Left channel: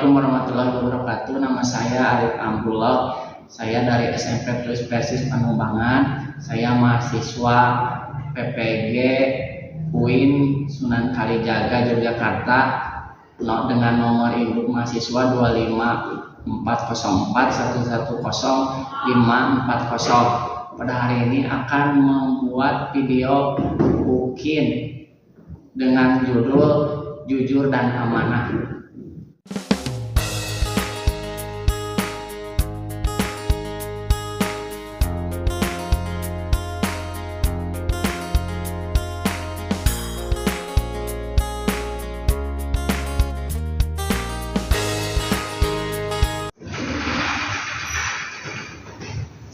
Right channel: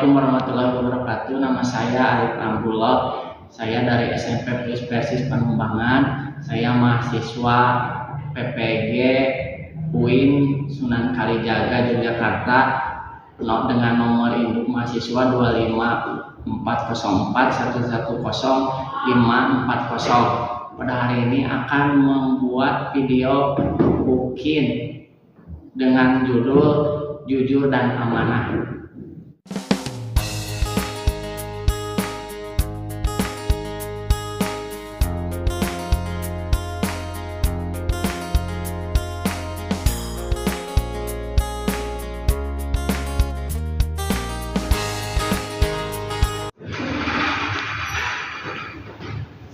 Assalamualaikum warahmatullahi wabarakatuh. Nama saya Arif Abdullah. Saya dari SMP Plus Persis Panumbangan. Saya mahasiswa PPG UIN Sunan Kalijaga Yogyakarta dengan nomor induk mahasiswa 25404110540. Pada hari ini akan membuat video bukin dengan judul Jujur dan Amanah.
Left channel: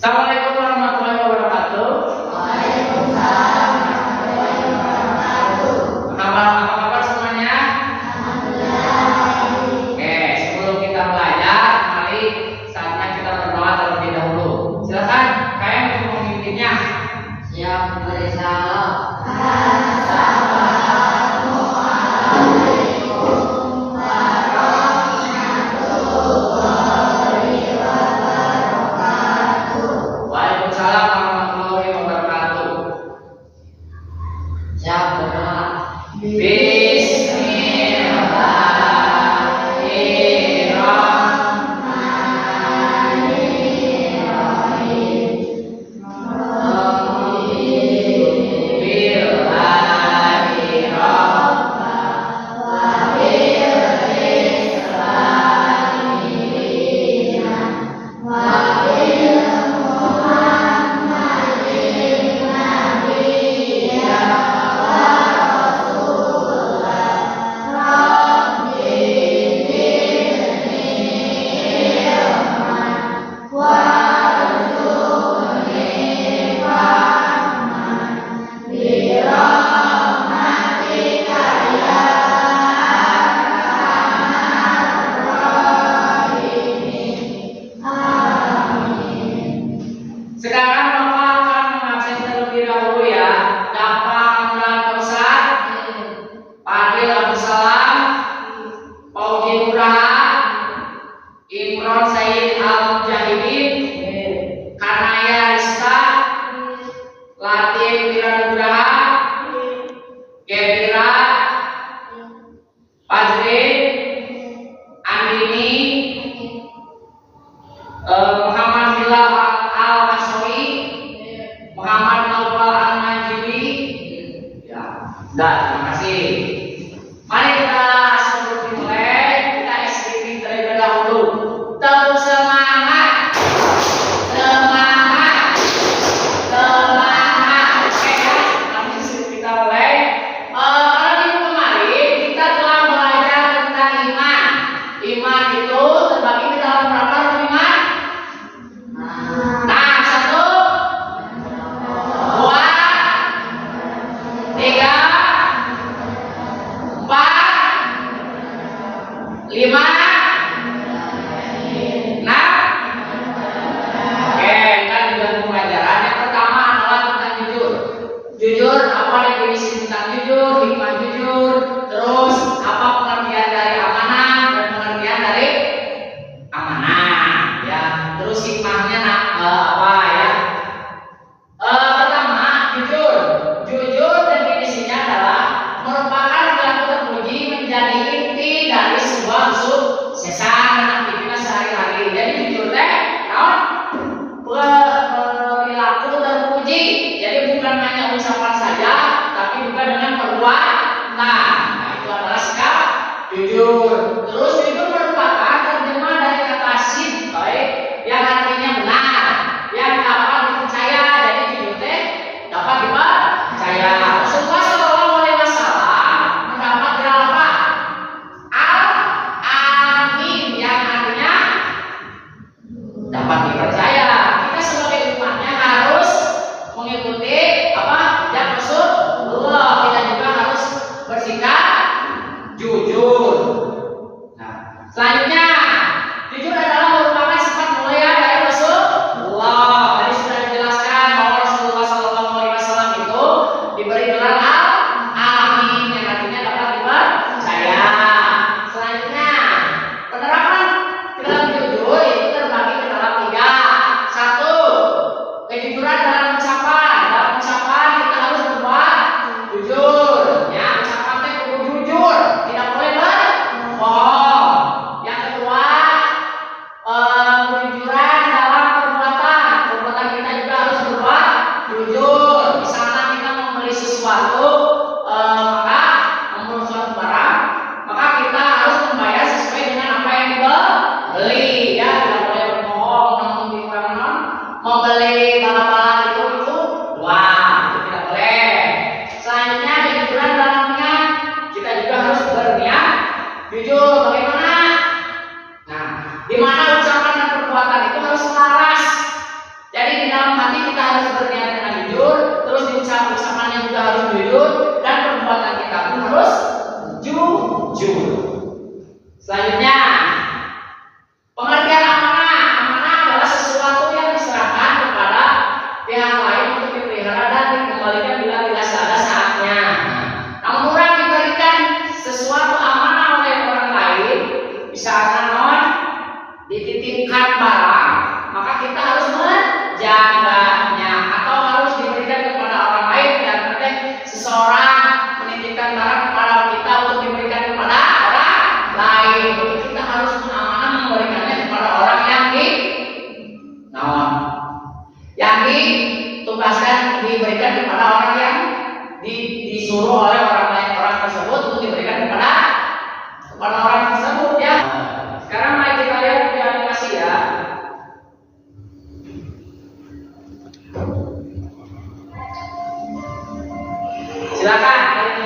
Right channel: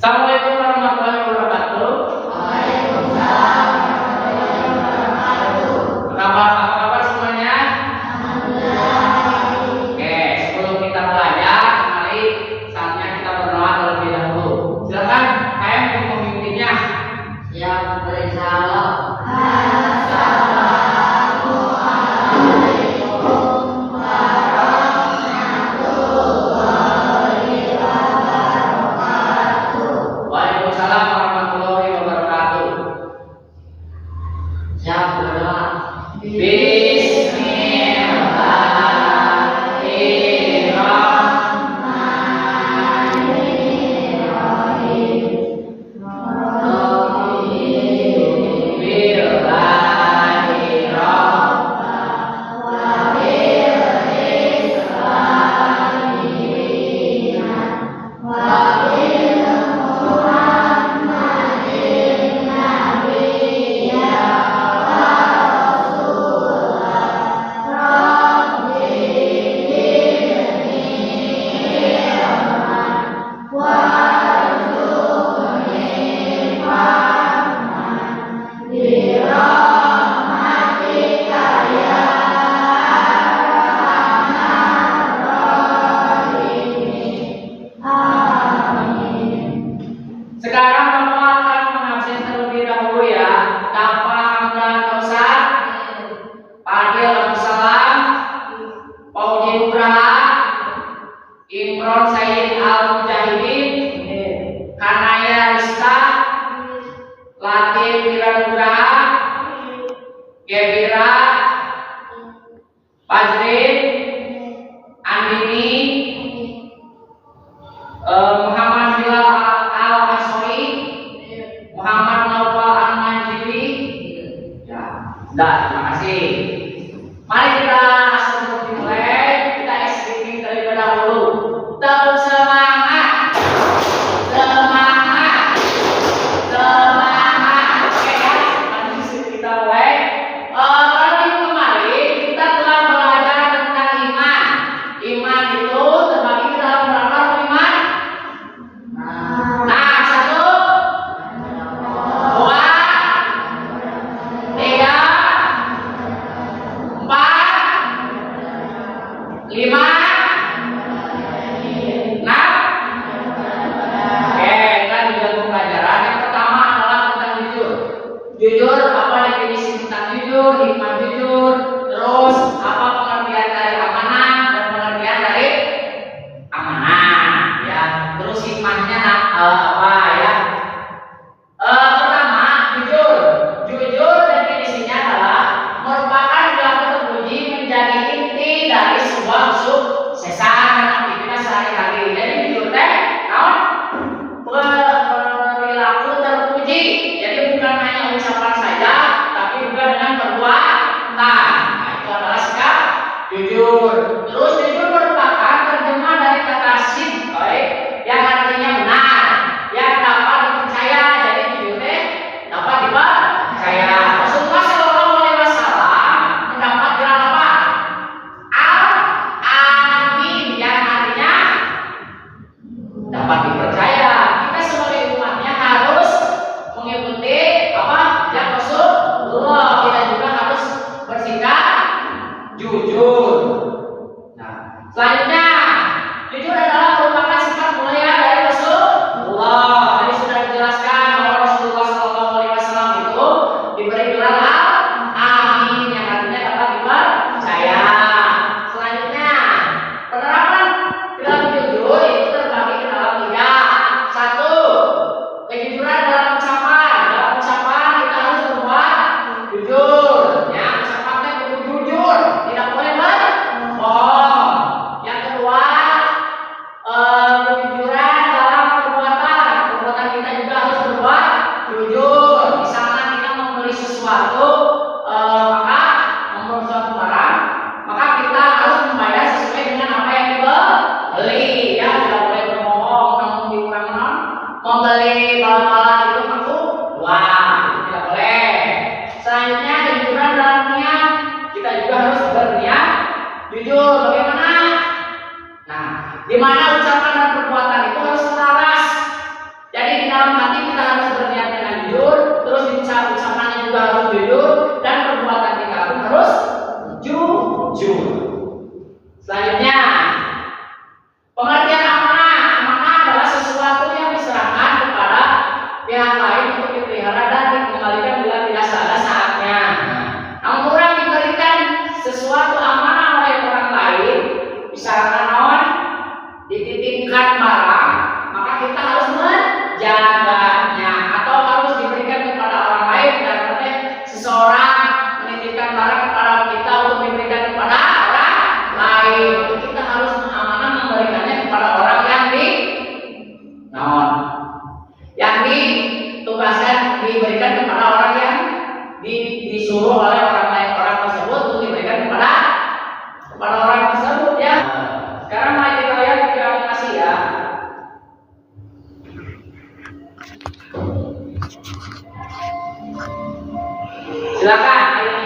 Assalamualaikum warahmatullahi wabarakatuh. Waalaikumsalam warahmatullahi wabarakatuh. Apa kabar semuanya? Alhamdulillah. Oke, sebelum kita belajar, mari saatnya kita berdoa terlebih dahulu. Silakan, kalian untuk memimpinnya. Siap bersama. Waalaikumsalam warahmatullahi wabarakatuh. Siap berdoa. Sekarang Bapak akan mengabsen terlebih dahulu ya. Dapa Hamdan Kausar, Fadil Abdussalam, Pauji Nugraha, Imron Said Al Mujahidin, Kanaya Rizka, Latif Wiranugraha, Gebira, Fajrin, Andini, Muhammad Bilal Al-Asoi, Muhammad Naufal Al-Majidi. Ya, terima kasih. Mari kita sebelum dimulai kita istighfar terlebih dahulu. Tetap semangat, semangat, semangat. Oke ya, nanti kita mulai. Pada minggu kemarin kita telah belajar tentang iman. Iman itu terbagi ke dalam berapa iman? Nah, 1, 2, 3, 4, 5, 6. Oke, kita di dalam pelajaran yang pertama adalah tentang jujur. Jujur, apa definisi tentang jujur, hikmah jujur, terus apa pengertian dari amanah dan pengertian dari amanah, ya. Terus hikmahnya apa ya? Pertama, jujur. Jujur definisinya adalah merupakan perilaku terpuji menjadi inti dari sebuah kesuksesan dan aktivitas sehari-hari. Jadi jujur teh, naon? Perilaku terpuji. Jadi bukan hanya ucapan saja, tapi juga dengan perbuatan. Nah, itu adalah sikap jujur. Terus jujur merupakan terjemah dari kata sidq, yang artinya benar, yang dapat dipercaya. Jadi jujur teh dapat dipercaya. Rasulullah Shallallahu Alaihi Wasallam mendapat gelar apa? Al-Amin, yang artinya dapat dipercaya. Kita sebagai umatnya harus mengikuti apa yang Rasulullah. Kita juga harus bersikap jujur. Nah, selanjutnya jujur adalah merupakan sifat mulia dari Rasulullah. Tadi sudah dijelaskan bahwa Rasulullah Shallallahu Alaihi Wasallam itu diberi gelar Al-Amin, yang artinya dapat dipercaya. Selanjutnya, penerapan jujur. Bagaimana? Nah, di mana ucapan dan perbuatan itu harus selaras. Jadi di dalam hati kita harus berniat dengan jujur, terus di ucapannya juga harus jujur, dan perbuatan kita pun harus jujur. Selanjutnya, pengertian amanah. Amanah adalah sesuatu yang diserahkan kepada pihak lain untuk dipelihara dan dikembalikan bila tidak ada saatnya. Namun orang diberikan sesuatu amanah oleh orang lain, misalkan dititipkan barang, maka kita harus menjaganya, atau harus diberikan kepada orang lain. Dan seseorang menitipkan barang kepada kita untuk diberikan kepada orang lain, kita harus amanah memberikannya kepada orang yang ditugaskan, diberikan kepada orang yang disuruh oleh orang lain, orang tersebut untuk diberikan kepada orang tersebut, ya. Sekarang mari kita lihat video animasi, ya. Silakan kalian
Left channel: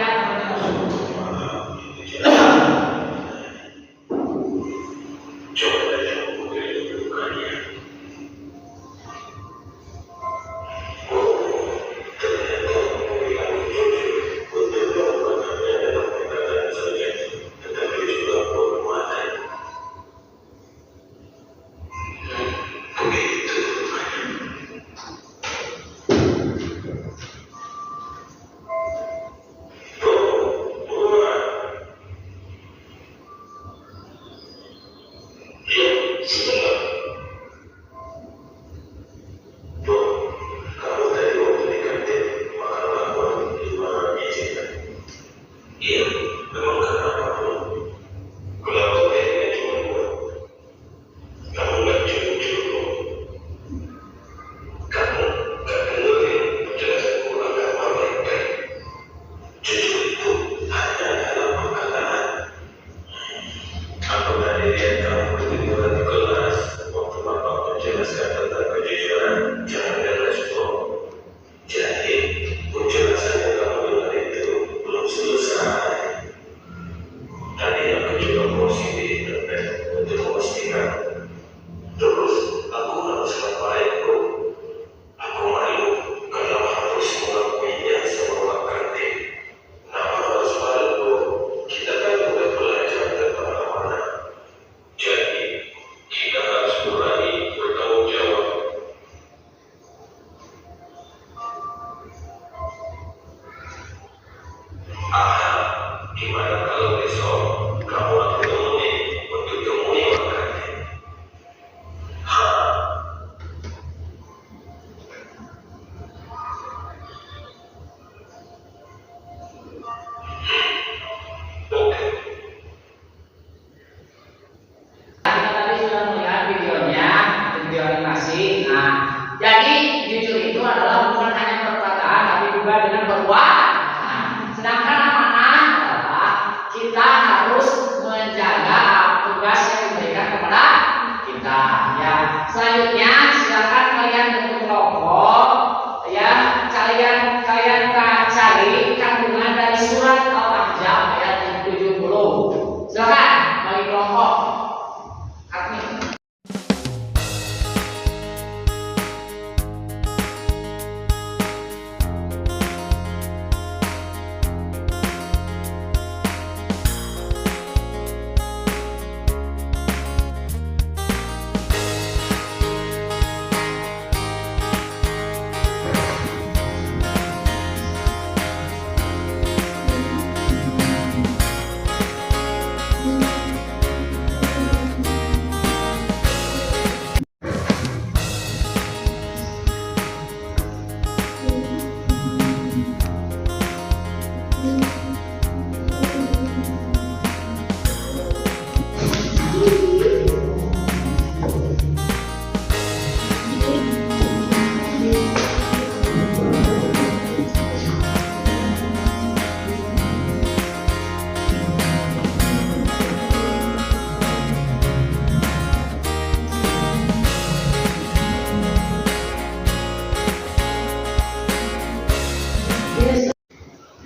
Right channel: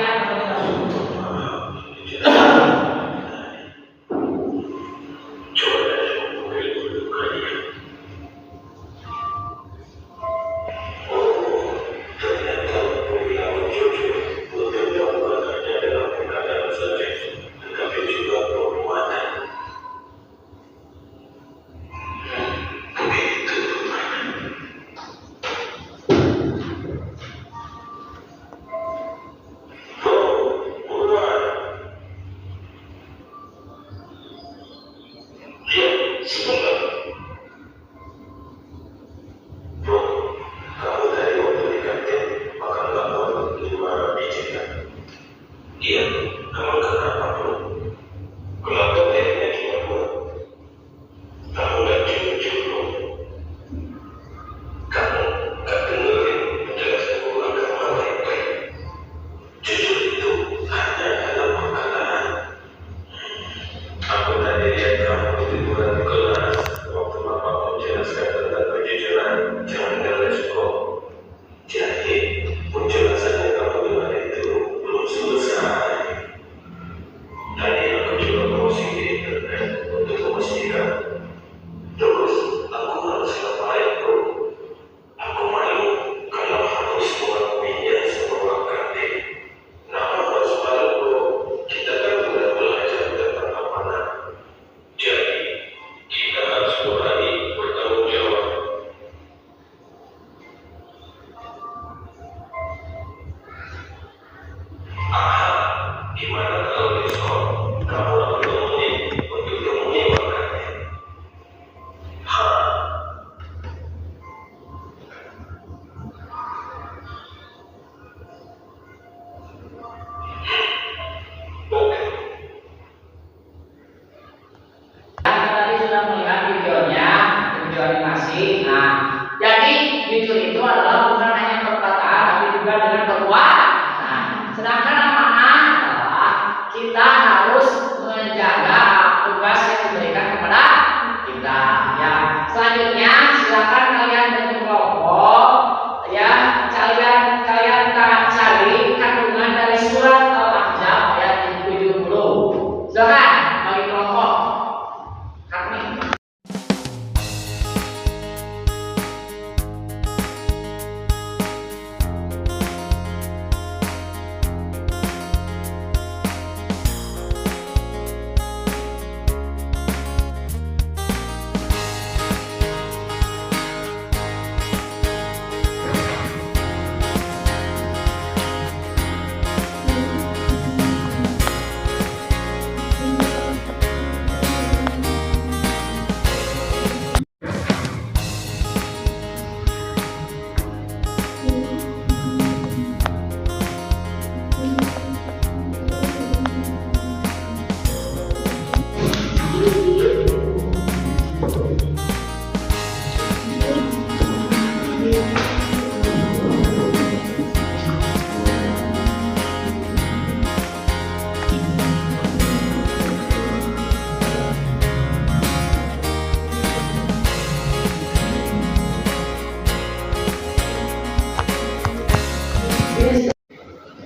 sudah?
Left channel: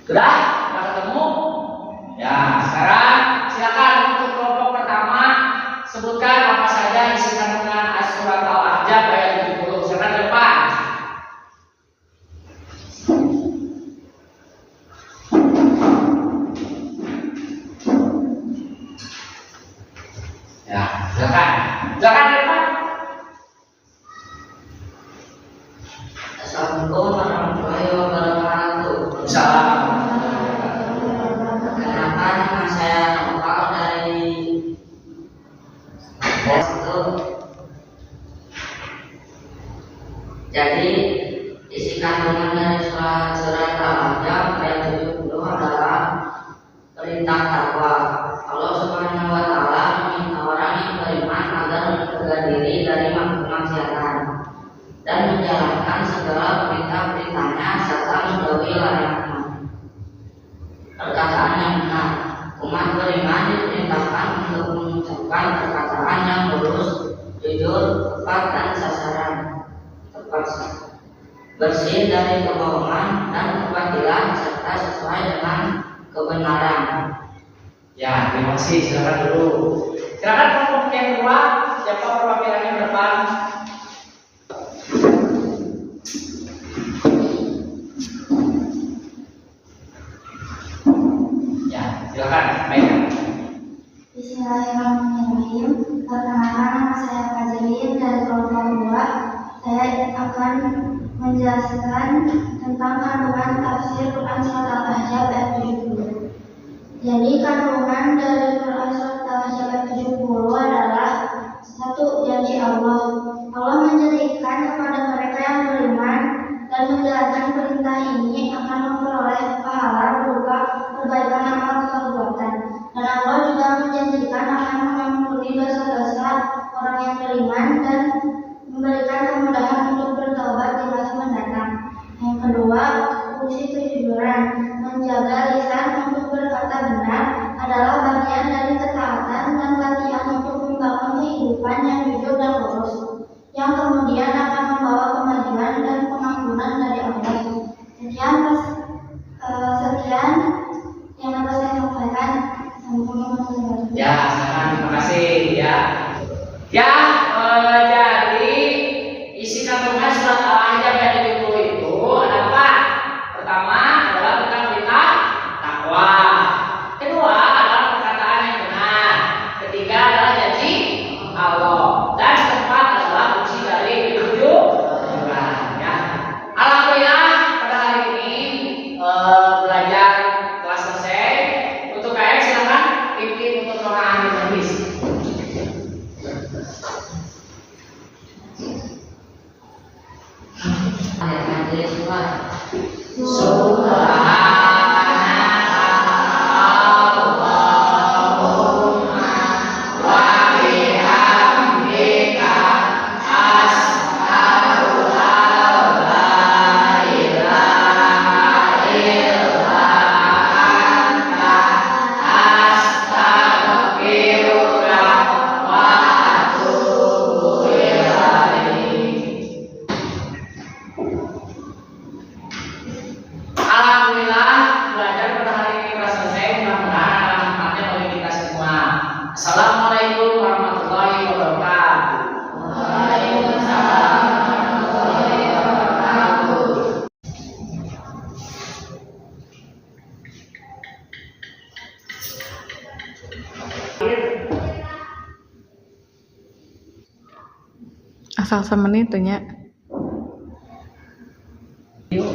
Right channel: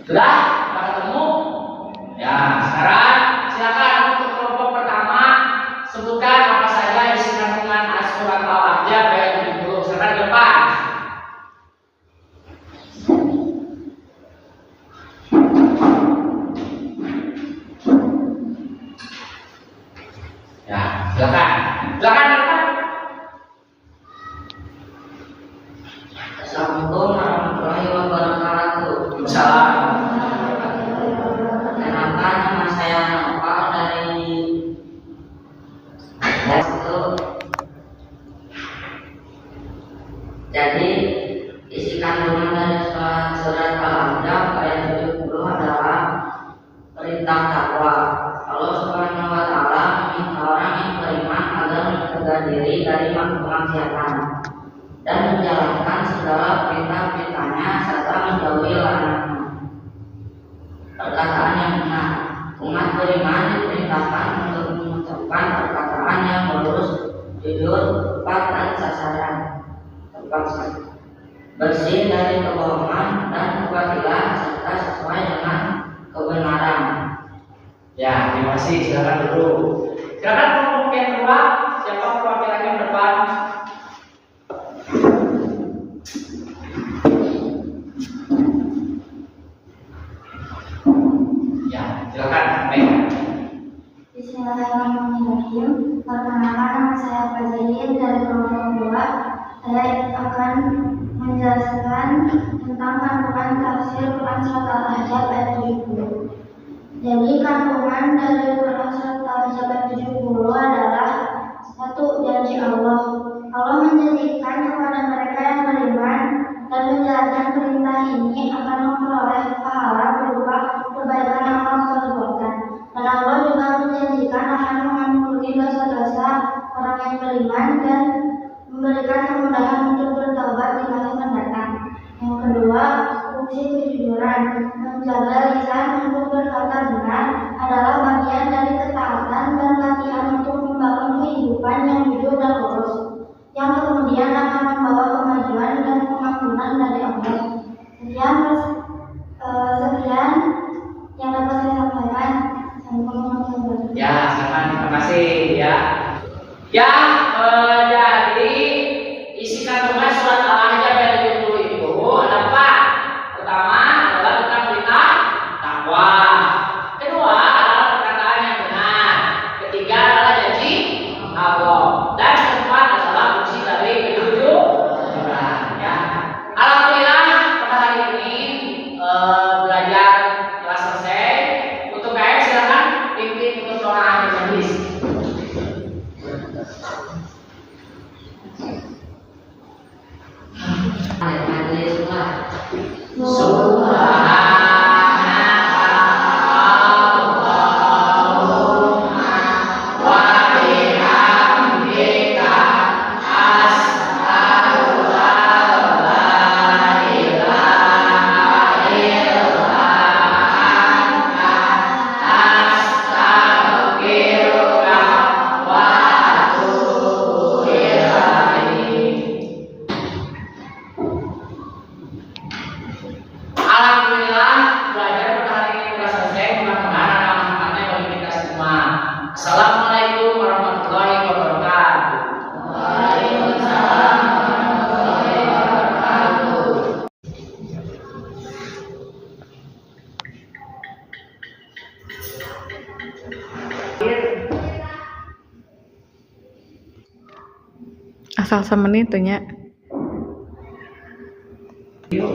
Sudah ketemu? Ya, sekarang silakan silakan. Silakan Pak. Assalamualaikum warahmatullahi wabarakatuh. Salam. Kenapa nama saya Nopal dari itu? Jadi isi kandungan dari surat Al-Ahzab ayat 70 adalah perintah takwa. Allah Subhanahu wa taala meminta orang yang beriman agar menjaga diri dari kemaksiatan dan menjalankan segala perintah-perintahnya serta menjauhi larangannya. Perkataan yang benar. Umat beriman diperintahkan untuk mengucapkan perkataan yang lurus, jujur, tepat dan sasaran, bersih dari kebohongan dan kebatilan serta sesuai dengan kebenaran. Ya, terima kasih. Silakan dulu. Silakan kelompok yang kedua. Siapa perwakilan yang depan? Ya, silakan. Baik. Bismillahirrahmanirrahim. Perkenalkan, nama saya Fajrin dari kelompok 2. Saya akan menjelaskan tentang kandungan tafsir Quran surat Al-Ahzab ayat 70. Jadi kandungan dari Quran surat Al-Ahzab ayat 70 adalah satu, janji Allah. Allah menjanjikan kepada mereka yang beriman dan menjalankan perintah ini akan memperoleh pahala berupa perbaikan amal perbuatan. Dan Allah juga menjanjikan akan mengampuni dosa-dosa orang yang beriman dan memberikan kemudahan untuk bertobat di masa mendatang. Yang kedua, fungsi kejujuran. Menjaga lisan untuk berkata benar adalah bagian dari ketaatan dan latihan untuk membangun kehidupan yang jujur dan lurus, yang kemudian akan membawa kemajuan dan pengampunan dari Allah. Sekian yang dapat saya sampaikan. Ya, silakan. Terima kasih ya. Ya, jadi isi kandungan surat Al-Ahzab ayat 70 itu ada apa? Pertama adalah tentang perintah takwa. Kedua adalah perkataan yang benar. Ketiga adalah janji Allah. Dan keempat adalah fungsi dari kejujuran. Ya. Alhamdulillah pada hari ini belajar telah selesai. Untuk KM silakan pimpin untuk doa hadis. Alhamdulillah belajar pada hari ini sudah selesai. Mudah-mudahan ada manfaatnya bagi kita semua. Assalamualaikum warahmatullahi wabarakatuh. Waalaikumsalam warahmatullahi wabarakatuh. Asal semenit nya. Yuk,